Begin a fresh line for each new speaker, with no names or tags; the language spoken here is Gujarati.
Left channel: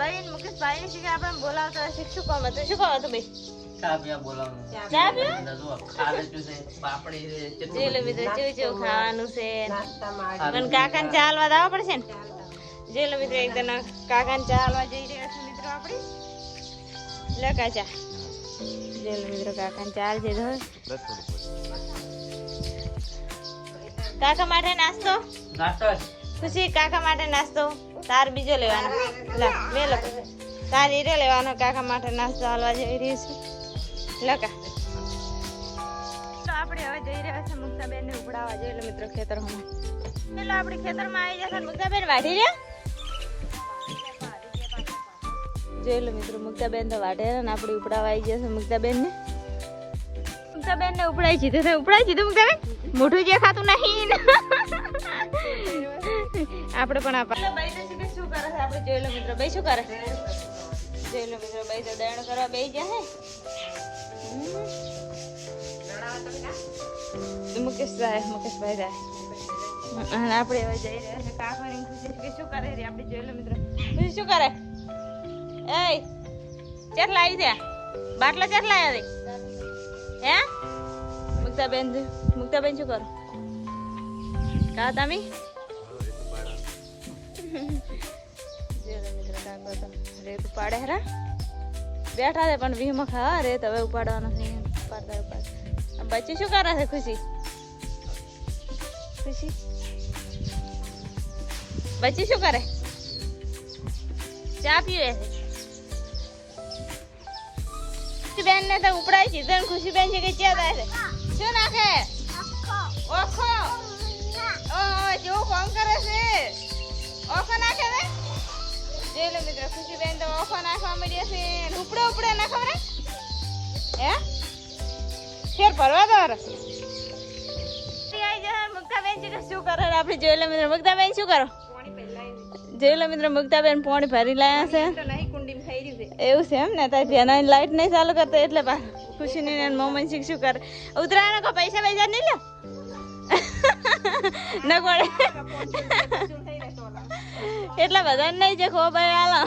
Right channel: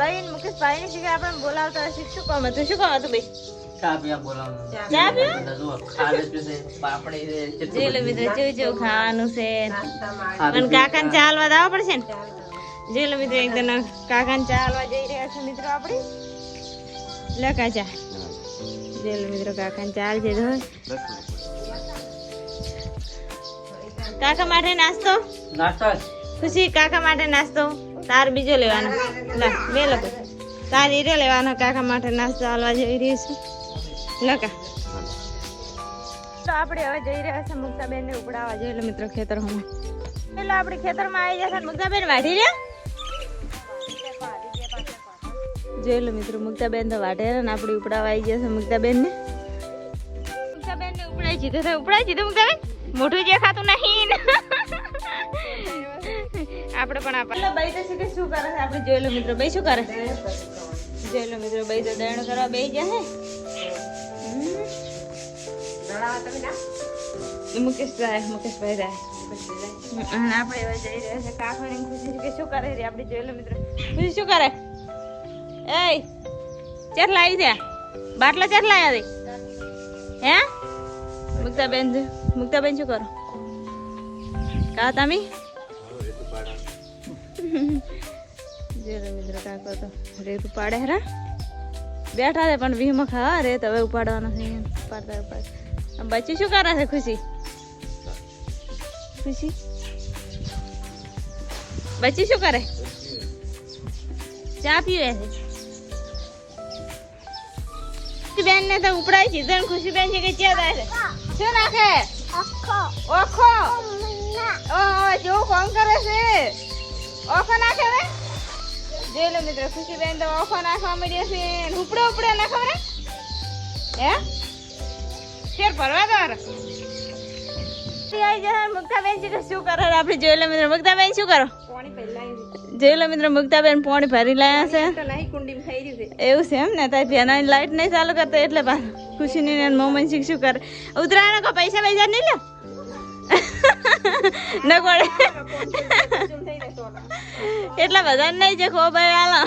ભાઈ ને મુકેશ ભાઈ ને શીખે આપણે બોલાવતા હોય શીખ શું કામ હતું શું કામ હતું ભાઈ?
ચા પીવા બોલાવવાનું
ચા પીવા?
બધા છે, પાપડી છે, ચટણી
જોઈ મિત્રો જેવું જેવું ખાવાનું છે.
છે.
પણ કાકાને ચાલવા દાવા પડશે ને? જોઈ લો મિત્રો એકદમ કાકાને ચાલવા જઈ રહ્યા છે મિત્રો આપણે. લે કાચા જેલ મિત્રો કાકાને ચાલ છે કાકા માટે નાસ્તો?
નાસ્તો
ખુશી કાકા માટે નાસ્તો? તાર બીજો લેવાનો. લા, બે લોકો તાર હીરો લેવાનો કાકા માટે નાસ્તો હાલવા જઈ રહી છું. લકા તો આપણે હવે જઈ રહ્યા છે મુક્તાબેન ને ઉપડાવવા જઈએ એટલે મિત્રો ખેતરમાં એટલે આપણે ખેતરમાં આવી જશે મુક્તાબેન વાઢી રહ્યા જોઈ લો મિત્રો, મુક્તાબેન તો વાઢે ને આપણે ઉપડાવવા આવી જશે મુક્તાબેન ને મુક્તાબેન ને ઉપડાઈ જીધું મુક્તાબેન? મોઢું જે ખાતું નહીં. આપણે પણ આપણે બાઈ તો શીખે શું કરે છે? આપણે જોઈ લો મિત્રો બાઈ શું કરે? જોઈ લો મિત્રો બાઈ તો દયણો કરવા બેસી ગયા હે. મુકેશભાઈ મુકેશભાઈ રાય આપણે જઈ રહ્યા છે કાકવાની ખુશી કે શું કરે રે આપણે જોઈ લો મિત્રો. શું કરે? એ ચાર લાવી દે. બાટલા ચાર લાવ્યા રે હે? મુક્તાબેન મુક્તાબેન શું કરો? કા તમે? ઉપાડે હરા બેઠા છે પણ વીમો ખા રેત હવે ઉપાડવાનો છે ઉપાડતા ઉપાડતા. બચ્ચી શું કરે છે, ખુશી? ખુશી? બચ્ચી શું કરે? ચા પીવે છે. બેન ને તો ઉપડાય છે. ખુશી બેન છે કે ચા થાય છે? શું નાખે? ઓખો ઓખો નાખે હવે? જોઈ લો મિત્રો ખુશીબેન તો ઓખો નાખવા માંડ્યા છે ઉપડે ઉપડે ના ખબર હે? ફેર ભરવા દો આઈ જાય મુક્તાબેન છે શું કરો? આપણે જોઈ લો મિત્રો મુક્તાબેન શું કરો? જોઈ લો મિત્રો મુક્તાબેન પાણી ભરી લાયા છે. એવું છે એમ ને? ત્યાં ધ્યાન લાઈટ નહીં ચાલુ કરતો એટલે ખુશી ને મોમન શીખ શું કરે? ઉતરાયણ કો પૈસા પૈસા નહીં લે? ન પડે એટલા બધા નહીં છે ખો ભાઈ હાલો